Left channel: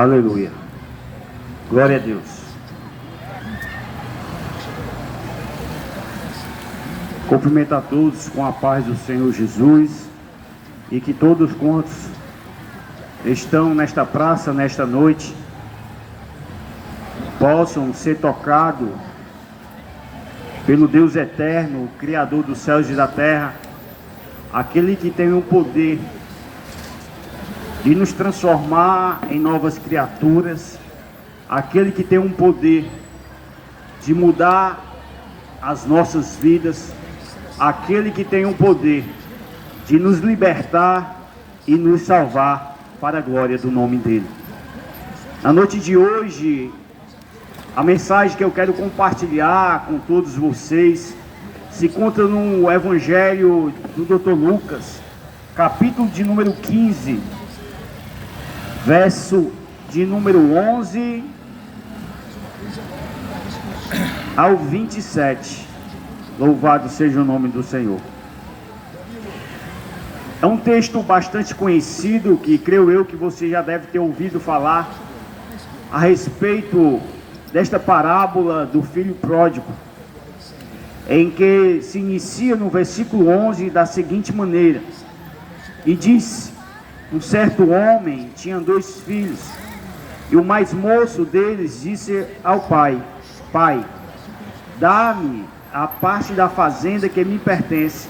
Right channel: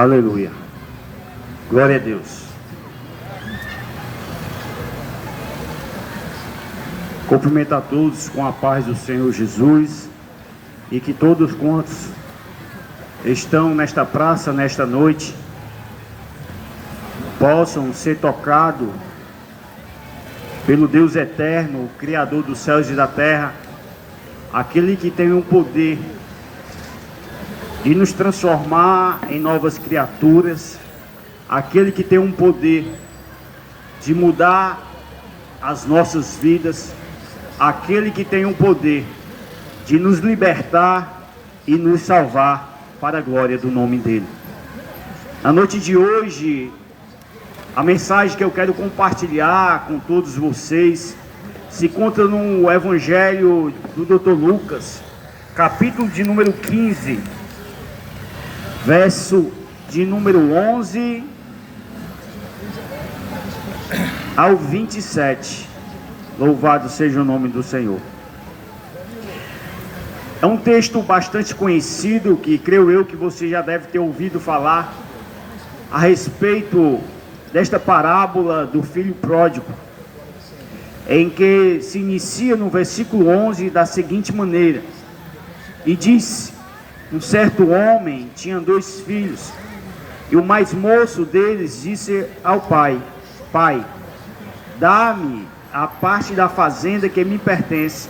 Aleluia. Glória a Deus. Cumprimento a todos com a paz do Senhor Jesus e que todos quantos estão nesta praça, nesta noite, possam ser tocados pelo Deus eterno, o Criador dos céus e da terra, aquele que tem o poder de nos transformar em novas criaturas, aquele que tem um poder de mudar as nossas vidas, aquele que tem o poder de nos libertar e nos salvar para a glória do nome dele. Na noite de hoje, a mensagem que eu quero compartilhar com todos vocês se encontra no Evangelho do Dr. Lucas, capítulo de número 15, verso de número 11 ao 27. Louvado seja o nome do Senhor. É um texto bastante conhecido, que creio eu que você já deve ter ouvido falar a respeito desta parábola do filho pródigo, em que se inicia no versículo 11 da seguinte maneira: e disse: um certo homem tinha 2 filhos, e o mais moço deles disse ao pai: Pai, dá-me a parte da fazenda que me pertence.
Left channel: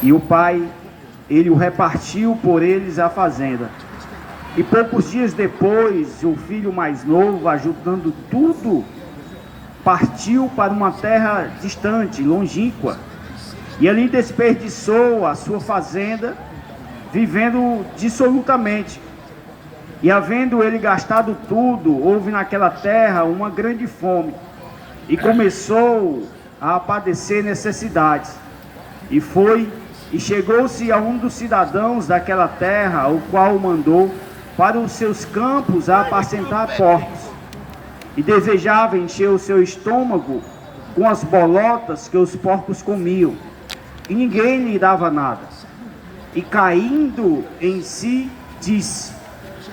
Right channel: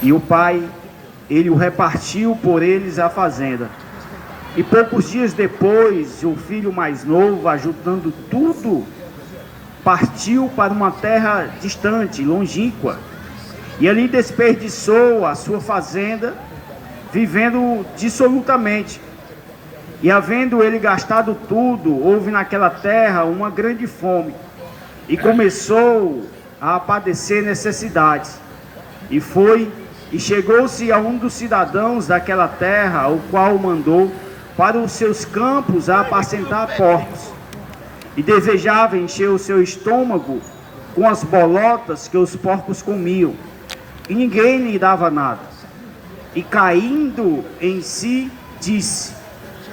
E o pai, ele o repartiu por eles a fazenda. E poucos dias depois, o filho mais novo, ajuntando tudo, partiu para uma terra distante, longínqua, e ali desperdiçou a sua fazenda, vivendo dissolutamente. E havendo ele gastado tudo, houve naquela terra uma grande fome, e começou a padecer necessidades. E foi e chegou-se a um dos cidadãos daquela terra, o qual o mandou para os seus campos a apacentar porcos, e desejava encher o seu estômago com as bolotas que os porcos comiam, e ninguém lhe dava nada. E caindo em si, disse:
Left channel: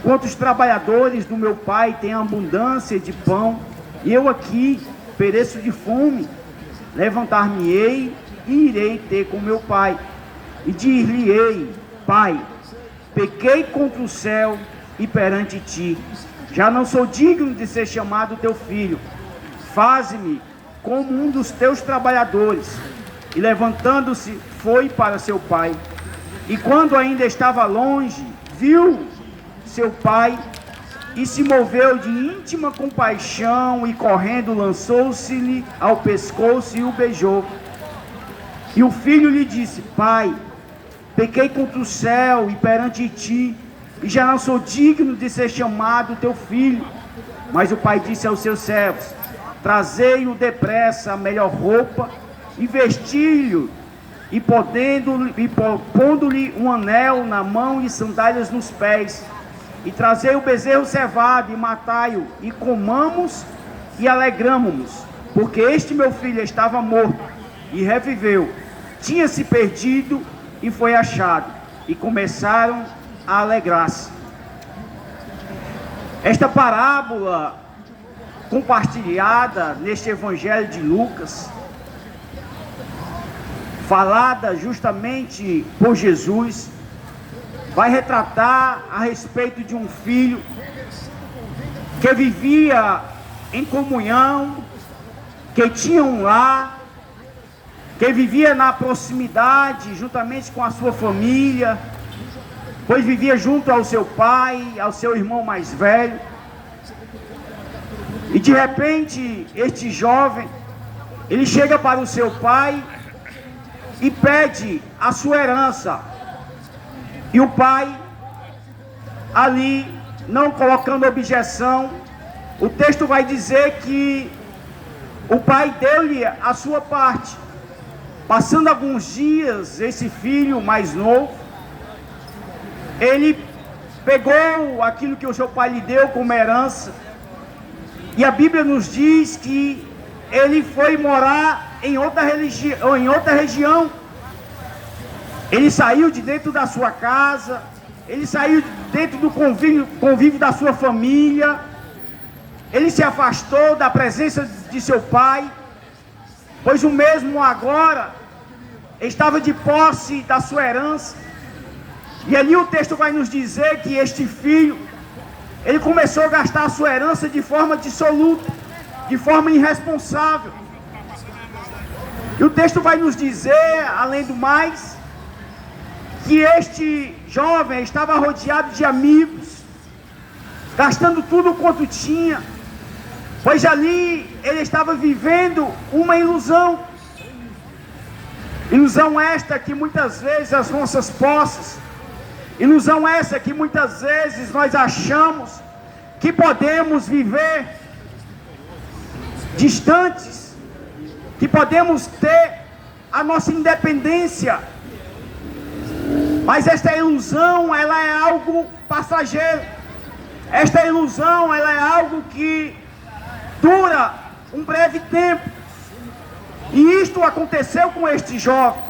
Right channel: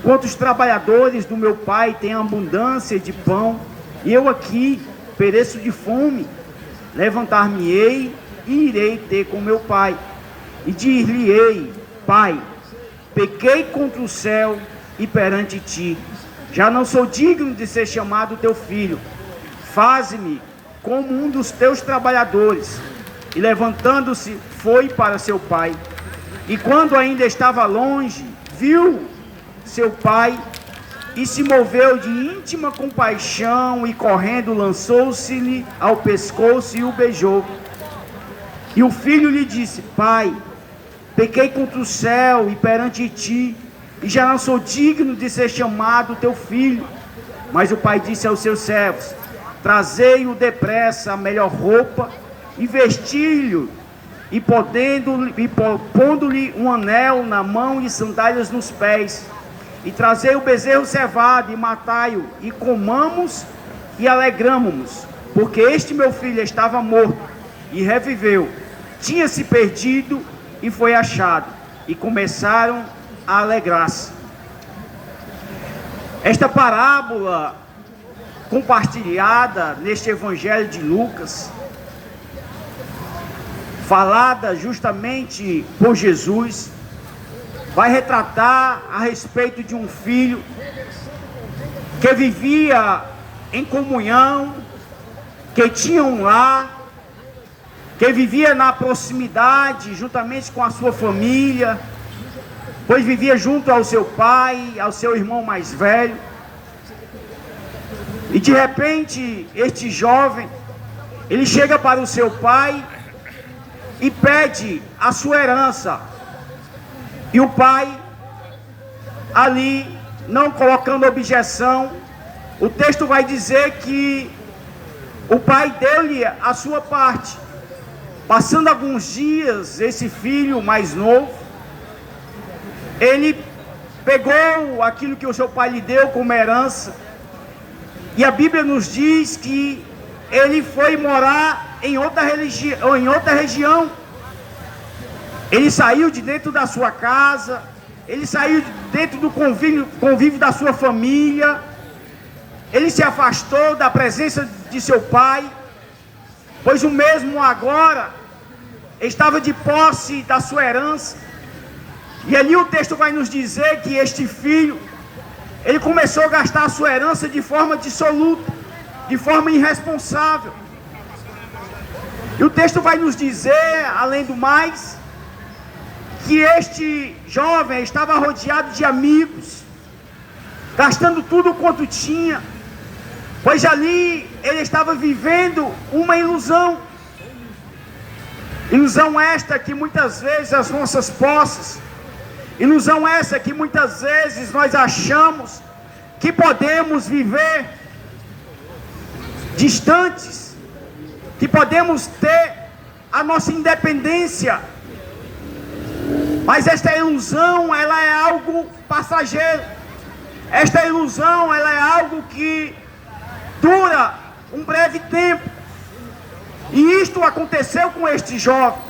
quantos trabalhadores do meu pai têm abundância de pão, e eu aqui pereço de fome. Levantar-me-ei e irei ter com meu pai, e dir-lhe-ei: Pai, pequei contra o céu e perante ti, já não sou digno de ser chamado teu filho. Faze-me como um dos teus trabalhadores. E levantando-se, foi para seu pai. E quando ainda estava longe, viu seu pai e se moveu de íntima compaixão, e correndo lançou-se-lhe ao pescoço e o beijou. E o filho lhe disse: Pai, pequei contra o céu e perante ti, e já não sou digno de ser chamado teu filho. Mas o pai disse aos seus servos: trazei-o depressa a melhor roupa, e vesti-lhe, e pondo-lhe um anel na mão e sandálias nos pés. E trazei o bezerro cevado, e matai-o, e comamos e alegramo-nos, porque este meu filho estava morto e reviveu, tinha se perdido e foi achado. E começaram a alegrar-se. Esta parábola compartilhada neste Evangelho de Lucas, falada justamente por Jesus, vai retratar a respeito de um filho que vivia em comunhão, que tinha um lar, que vivia na proximidade juntamente com a sua família, pois vivia junto ao seu pai, ao seu irmão mais velho. E de repente este jovem, ele chega para o seu pai e pede a sua herança. E o pai, ali, não colocando objeção, o texto vai dizer que o pai deu-lhe a sua parte. Passando alguns dias, esse filho mais novo, ele pegou aquilo que o seu pai lhe deu como herança, e a Bíblia nos diz que ele foi morar em outra região. Ele saiu de dentro da sua casa, ele saiu dentro do convívio da sua família, ele se afastou da presença de seu pai, pois o mesmo agora estava de posse da sua herança. E ali o texto vai nos dizer que este filho, ele começou a gastar a sua herança de forma dissoluta, de forma irresponsável. E o texto vai nos dizer, além do mais, que este jovem estava rodeado de amigos, gastando tudo quanto tinha, pois ali ele estava vivendo uma ilusão. Ilusão esta que muitas vezes as nossas posses, ilusão essa que muitas vezes nós achamos que podemos viver distantes, que podemos ter a nossa independência. Mas esta ilusão, ela é algo passageiro. Esta ilusão, ela é algo que dura um breve tempo. E isto aconteceu com este jovem,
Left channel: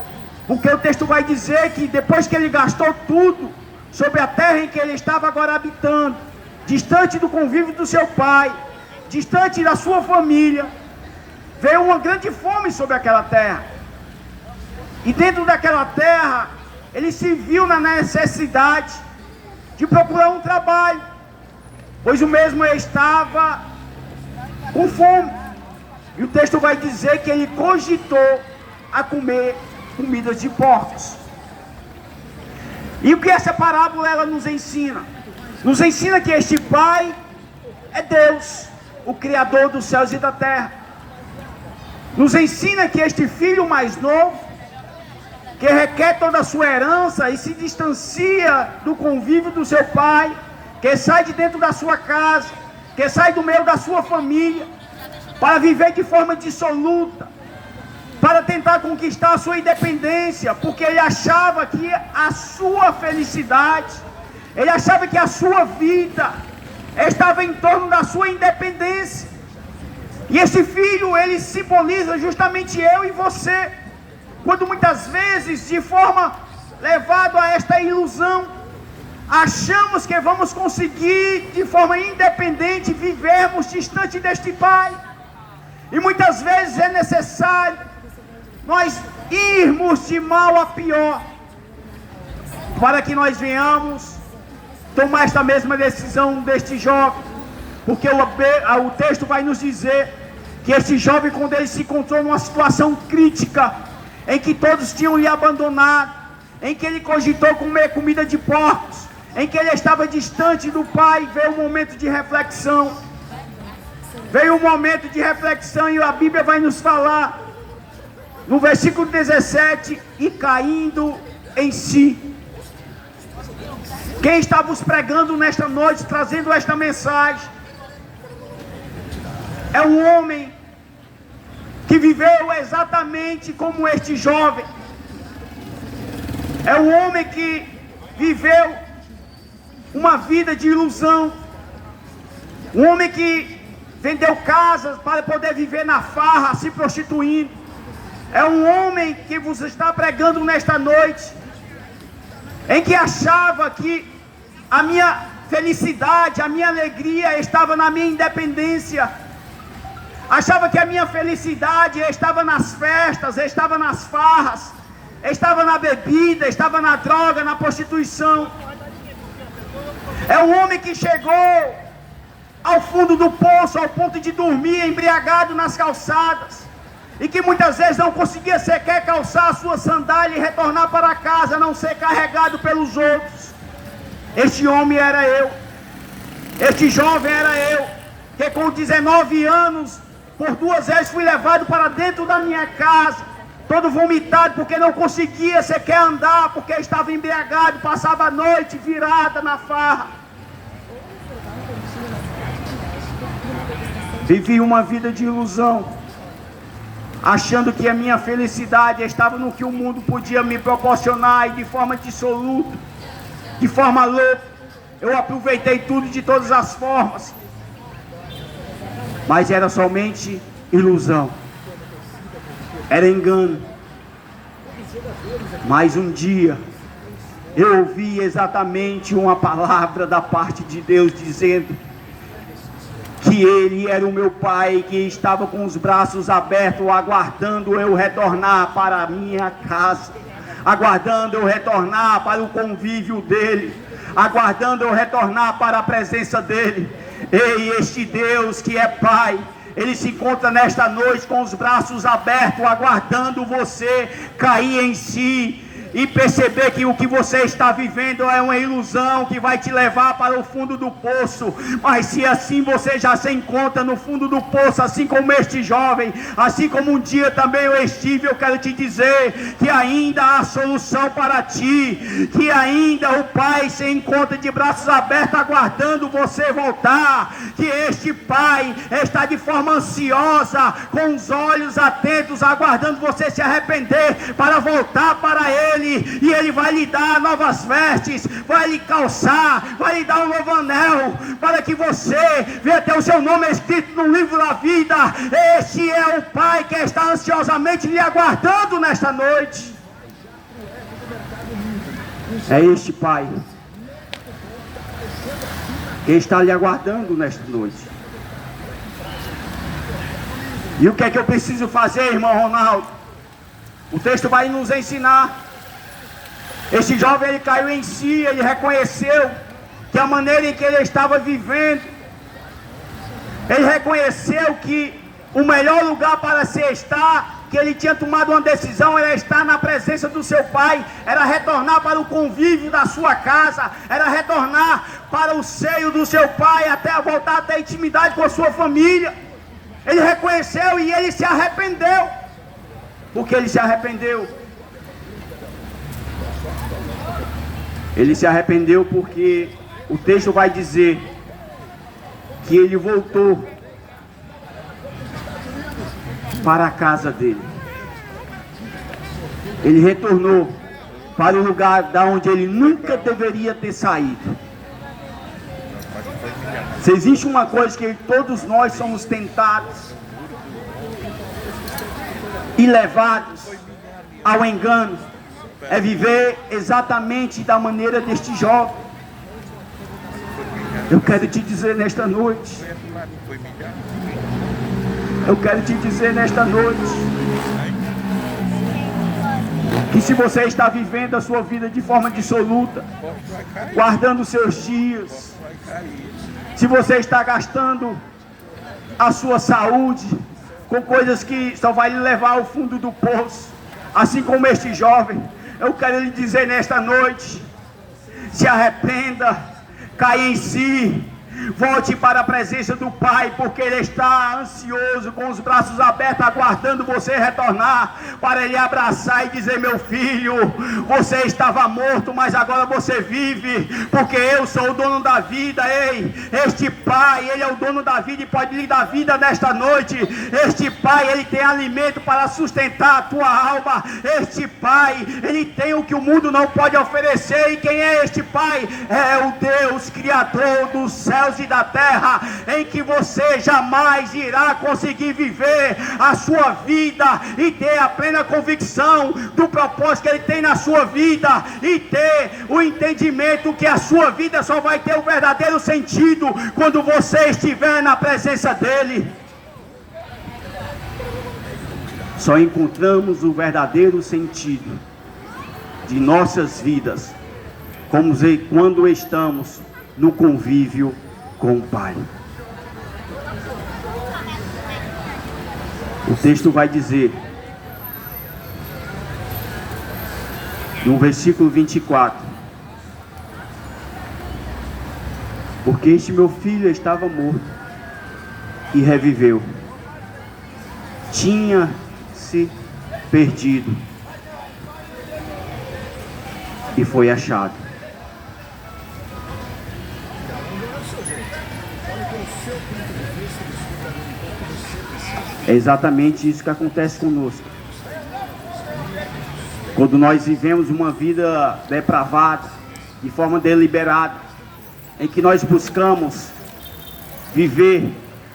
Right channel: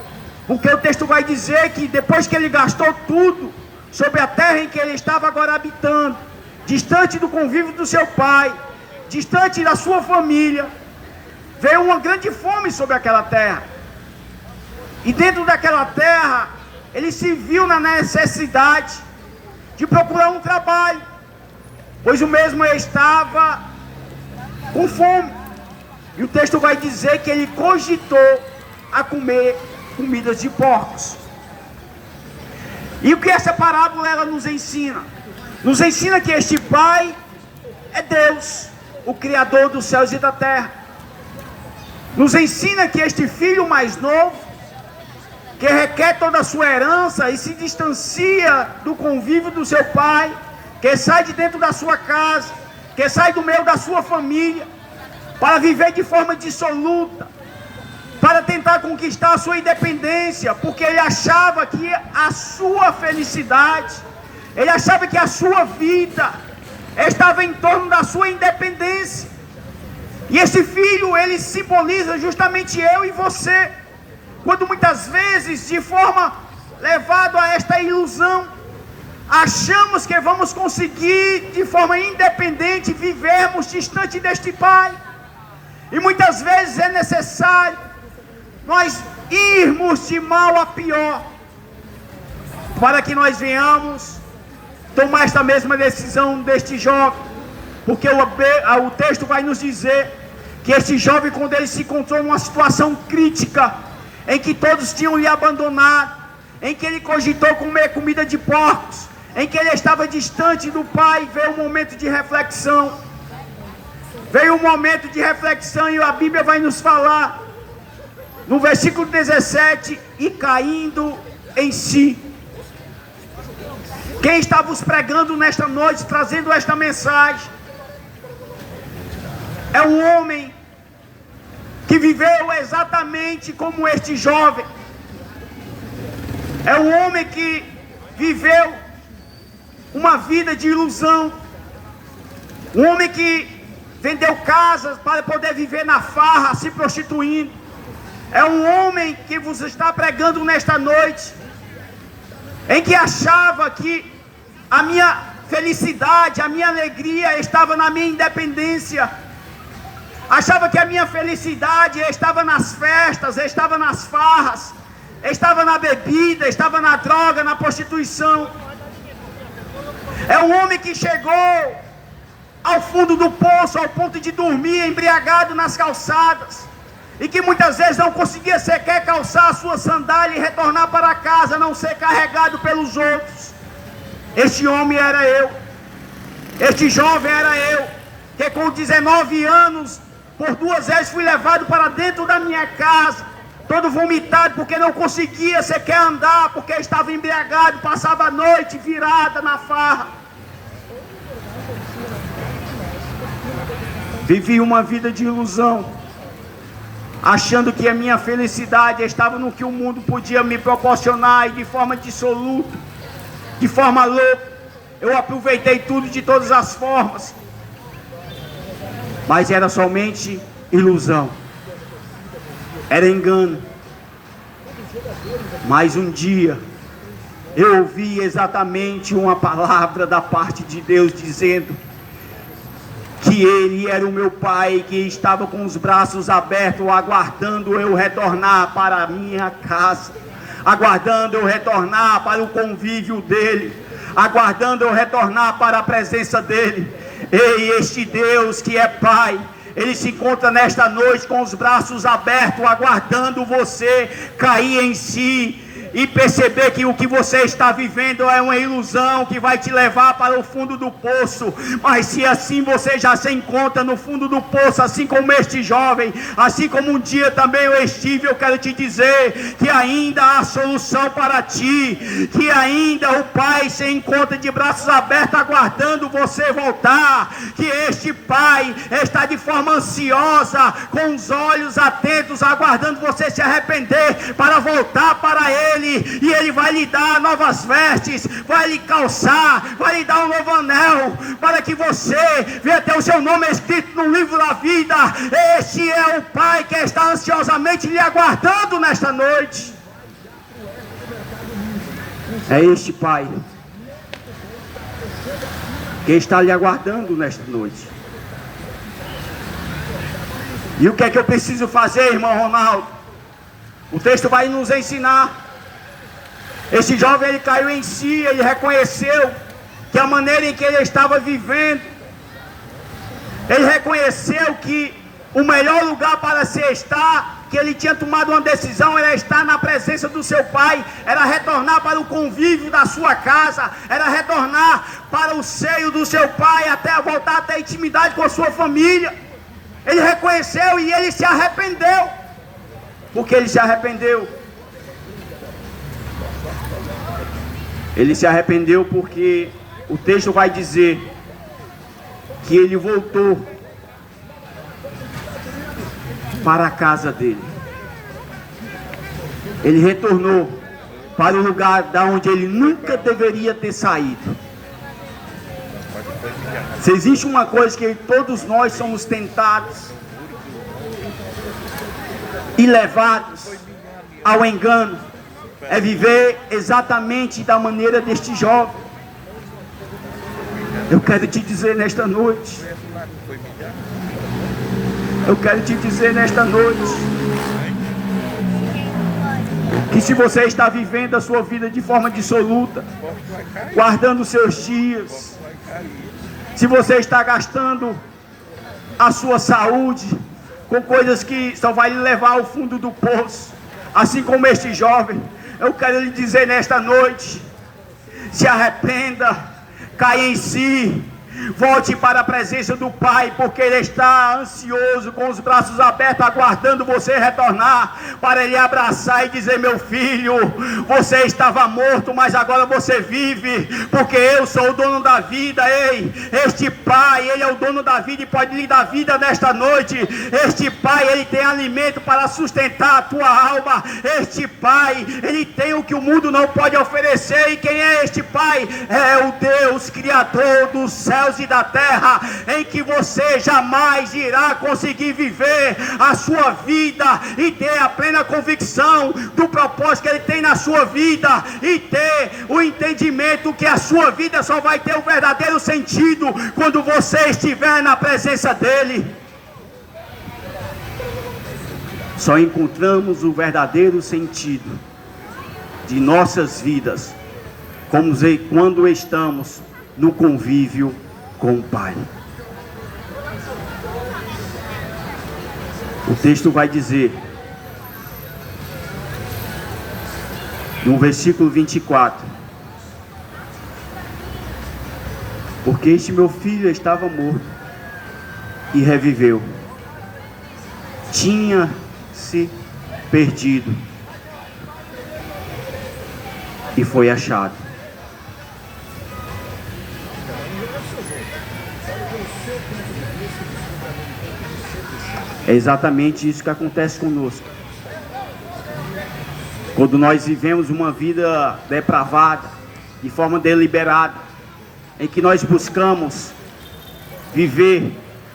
porque o texto vai dizer que depois que ele gastou tudo sobre a terra em que ele estava agora habitando, distante do convívio do seu pai, distante da sua família, veio uma grande fome sobre aquela terra. E dentro daquela terra, ele se viu na necessidade de procurar um trabalho, pois o mesmo estava com fome. E o texto vai dizer que ele cogitou a comer comidas de porcos. E o que essa parábola ela nos ensina? Nos ensina que este pai é Deus, o Criador dos céus e da terra. Nos ensina que este filho mais novo, que requer toda a sua herança e se distancia do convívio do seu pai, que sai de dentro da sua casa, que sai do meio da sua família, para viver de forma dissoluta, para tentar conquistar a sua independência, porque ele achava que a sua felicidade, ele achava que a sua vida estava em torno da sua independência. E esse filho, ele simboliza justamente eu e você, quando muitas vezes, de forma levado a esta ilusão, achamos que vamos conseguir de forma independente vivermos distante deste pai. E muitas vezes é necessário nós irmos de mal a pior, para que nós venhamos tomar esta mesma decisão deste jovem, porque o texto vai nos dizer que este jovem, quando ele se encontrou numa situação crítica, em que todos tinham lhe abandonado, em que ele cogitou comer comida de porcos, em que ele estava distante do pai, veio um momento de reflexão. Veio um momento de reflexão e a Bíblia vai nos falar, no versículo 17, e caindo em si. Quem está vos pregando nesta noite, trazendo esta mensagem, é um homem que viveu exatamente como este jovem. É um homem que viveu uma vida de ilusão. Um homem que vendeu casas para poder viver na farra, se prostituindo. É um homem que vos está pregando nesta noite, em que achava que a minha felicidade, a minha alegria estava na minha independência. Achava que a minha felicidade estava nas festas, estava nas farras, estava na bebida, estava na droga, na prostituição. É um homem que chegou ao fundo do poço, ao ponto de dormir embriagado nas calçadas, e que muitas vezes não conseguia sequer calçar a sua sandália e retornar para casa, a não ser carregado pelos outros. Este homem era eu, este jovem era eu, que com 19 anos, por 2 vezes fui levado para dentro da minha casa, todo vomitado, porque não conseguia sequer andar, porque estava embriagado, passava a noite virada na farra. Vivi uma vida de ilusão, achando que a minha felicidade estava no que o mundo podia me proporcionar, e de forma dissoluta, de forma louca, eu aproveitei tudo de todas as formas, mas era somente ilusão, era engano. Mas um dia, eu ouvi exatamente uma palavra da parte de Deus dizendo que Ele era o meu Pai, que estava com os braços abertos, aguardando eu retornar para a minha casa, aguardando eu retornar para o convívio dEle, aguardando eu retornar para a presença dEle. Ei, este Deus que é Pai, Ele se encontra nesta noite com os braços abertos, aguardando você cair em si e perceber que o que você está vivendo é uma ilusão que vai te levar para o fundo do poço. Mas se assim você já se encontra no fundo do poço, assim como este jovem, assim como um dia também eu estive, eu quero te dizer que ainda há solução para ti, que ainda o Pai se encontra de braços abertos aguardando você voltar, que este Pai está de forma ansiosa, com os olhos atentos, aguardando você se arrepender para voltar para Ele. E Ele vai lhe dar novas vestes, vai lhe calçar, vai lhe dar um novo anel, para que você venha ter o seu nome escrito no livro da vida. Este é o Pai que está ansiosamente lhe aguardando nesta noite. É este Pai que está lhe aguardando nesta noite. E o que é que eu preciso fazer, irmão Ronaldo? O texto vai nos ensinar. Esse jovem, ele caiu em si, ele reconheceu que a maneira em que ele estava vivendo, ele reconheceu que o melhor lugar para se estar, que ele tinha tomado uma decisão, era estar na presença do seu pai, era retornar para o convívio da sua casa, era retornar para o seio do seu pai, até voltar a ter intimidade com a sua família. Ele reconheceu e ele se arrependeu. Por que ele se arrependeu? Ele se arrependeu porque o texto vai dizer que ele voltou para a casa dele. Ele retornou para o lugar da onde ele nunca deveria ter saído. Se existe uma coisa que todos nós somos tentados e levados ao engano, é viver exatamente da maneira deste jovem. Eu quero te dizer nesta noite, que se você está vivendo a sua vida de forma dissoluta, guardando seus dias, se você está gastando a sua saúde com coisas que só vai lhe levar ao fundo do poço, assim como este jovem, eu quero lhe dizer nesta noite: se arrependa, caia em si, volte para a presença do Pai, porque Ele está ansioso, com os braços abertos, aguardando você retornar, para Ele abraçar e dizer: meu filho, você estava morto, mas agora você vive, porque eu sou o dono da vida. Ei, este Pai, Ele é o dono da vida e pode lhe dar vida nesta noite. Este Pai, Ele tem alimento para sustentar a tua alma. Este Pai, Ele tem o que o mundo não pode oferecer. E quem é este Pai? É o Deus Criador dos céus e da terra, em que você jamais irá conseguir viver a sua vida e ter a plena convicção do propósito que Ele tem na sua vida, e ter o entendimento que a sua vida só vai ter o verdadeiro sentido quando você estiver na presença dEle. Só encontramos o verdadeiro sentido de nossas vidas quando estamos no convívio com o Pai. O texto vai dizer, no versículo 24: porque este meu filho estava morto e reviveu, tinha se perdido e foi achado. É exatamente isso que acontece conosco. Quando nós vivemos uma vida depravada, de forma deliberada, em que nós buscamos viver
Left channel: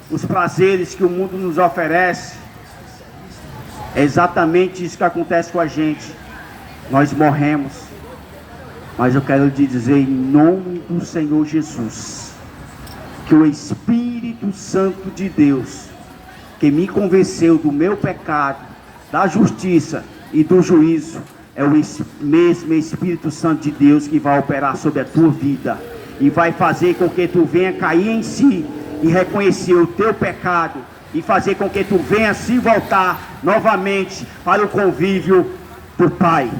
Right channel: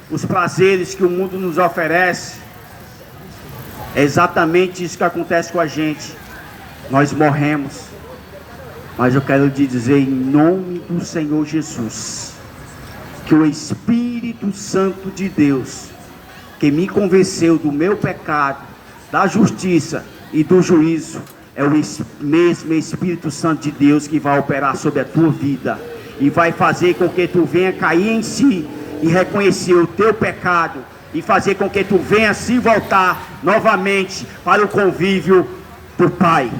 os prazeres que o mundo nos oferece, é exatamente isso que acontece com a gente. Nós morremos. Mas eu quero te dizer em nome do Senhor Jesus, que o Espírito Santo de Deus, que me convenceu do meu pecado, da justiça e do juízo, é o mesmo Espírito Santo de Deus que vai operar sobre a tua vida e vai fazer com que tu venha cair em si e reconhecer o teu pecado e fazer com que tu venha se voltar novamente para o convívio do Pai.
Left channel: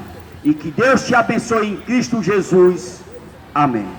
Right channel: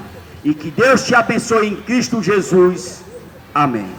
E que Deus te abençoe em Cristo Jesus. Amém.